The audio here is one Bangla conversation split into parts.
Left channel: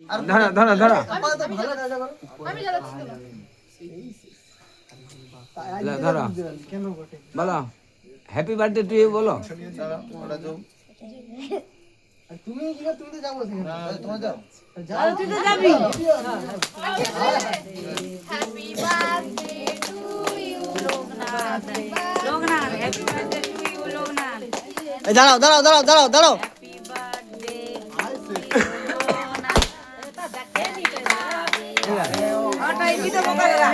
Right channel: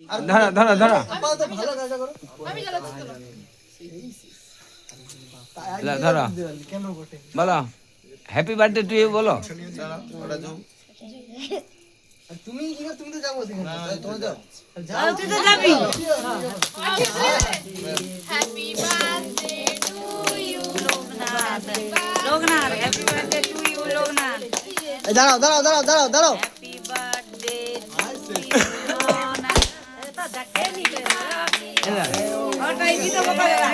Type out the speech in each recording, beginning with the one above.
ধরো ধরো ধরো ধরো বলো হ্যাপি বার্থডে টু ইউ বলো। তুমি কি তুমি তো যাবো সেখানে তোমার যাও যাও তুই তো যাবি। Happy birthday to you Loknath happy birthday to you Loknath. দাঁড়াও দাঁড়াও দাঁড়াও দাঁড়াও দাঁড়াও হ্যাপি বার্থডে ওটা এই তো বকা দাদা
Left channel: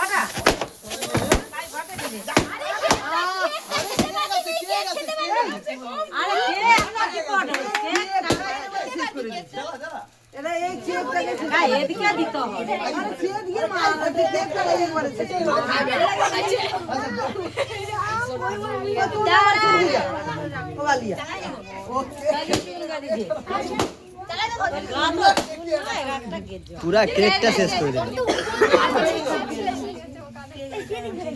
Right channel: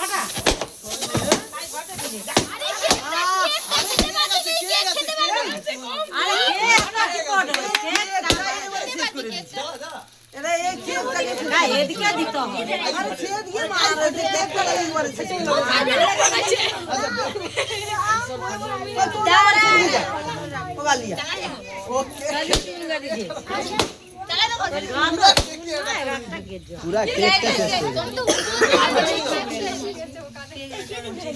ওটা এদিকে দিত পুরা কেকটা শেষ করে দাও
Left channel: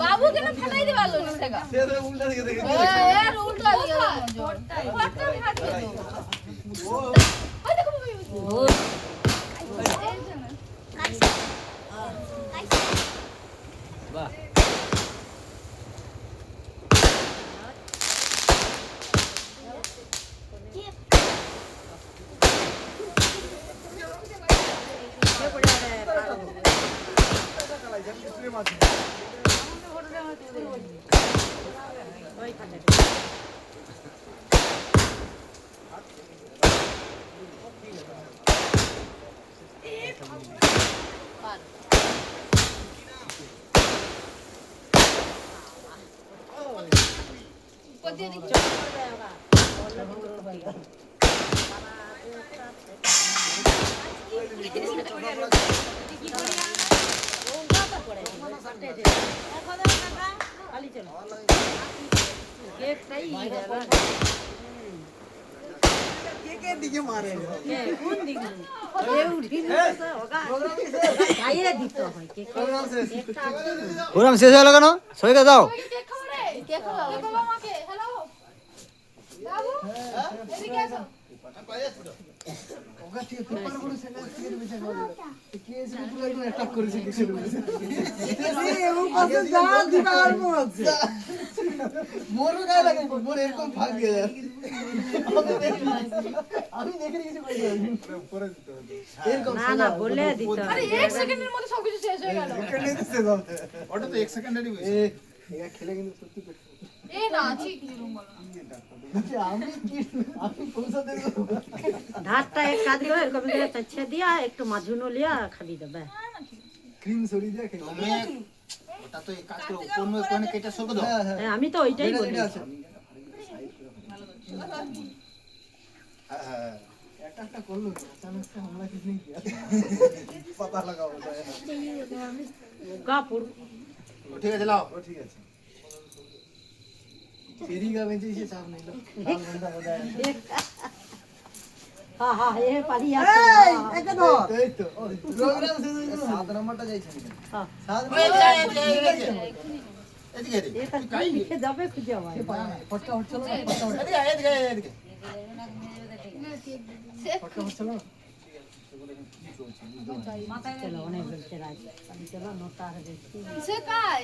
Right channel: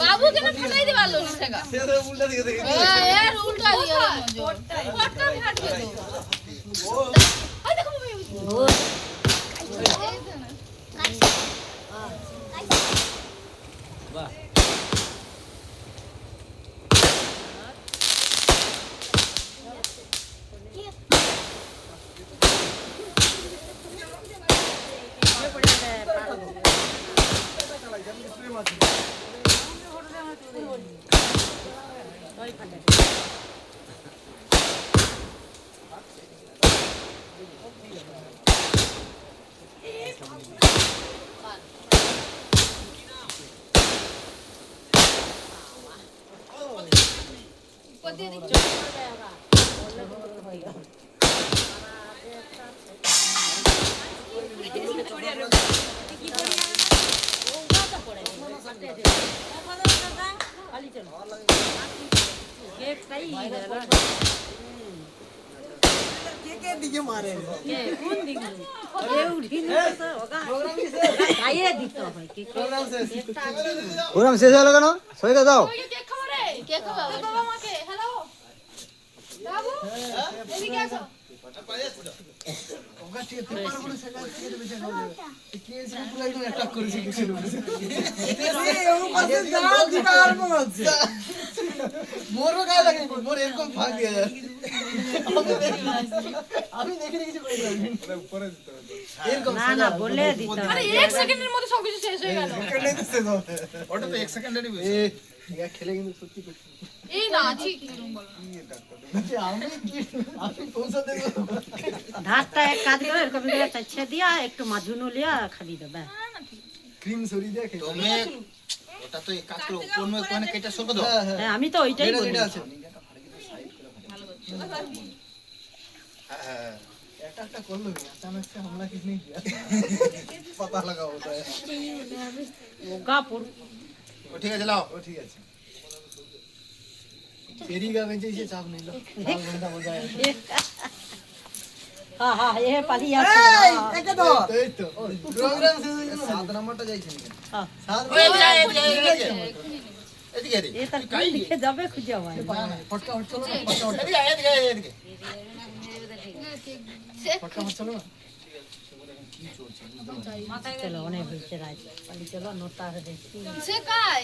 বাবু কেন ফাটাই দে ভালো না সেগা এর উল্টা দিয়ে মজর ফটো ফাটিয়ে দাও আই দেখো বাবু বাহ কেকের দিকে মারে কোন দিক এ উঠিল তো ওগা গায়ে দিত হয় কে প্রোগ্রাম শেষ হলো কেন সবাইকে দাও কেক খাবো রে কেক খাবো আমাকে হ্যালো বাবু এদিকে আসো ওগা ঠিক পেপার গুলো সেটা দিয়ে দেবে সেটা কি এসে পুরো একদম অ্যাটাক করেছে কিছু ও পাশে যা দিটা আর মন আছে মোরও গায়ে লাগে মোর এরকম ভাগ দিয়ে যায় আমি দেখে কিছু করে যাই পরে এরকম না না বলে দিত আরে 1 সেকেন্ডের মধ্যে সবকিছু শেষ হয়ে গেল কেটে দিতে দাও ওটা তো 1 সেকেন্ডেরই বেশি এটা খেলে কিন্তু সত্যি করতে এই না ঠিক বলো আমি পৌঁছা দেব ধারটা এক কাজ করে কবি করে চাচ্ছে দিয়া একটু মাঝুনো লিয়া খালি দেবে ক্রিম সরি দিয়ে খেয়ে তুমি ওটা তো এই কাজ করো কোন কোন কেটে সরকো দাও হ্যাঁ আমি তো ওইটাই বলি এটা আছে হ্যাঁ একটা করলো अचानक से हमला किसने किया पता लगा होता है ওগা পুর ঠিক আছে লাও वो ठीक है तेरी का बेचे से चाप नहीं लो घंटा मजा आया হ্যাঁ হ্যাঁ এ পালি আছে এটা তো এই তো প্রোগ্রাম শেষ হয়ে গেল 7 নাম্বারটা যাইছে হ্যাঁ 7 এদিকে এদিকে এটা কি লিখে যাবে খুঁজে ভাই ফটকা হট চলো ফটকা হট এদিকে এদিকে এদিকে ফটকা হট চলো চলো অনেক বেঁচে রাজ পালি চলো নোটা দেখি সে কাই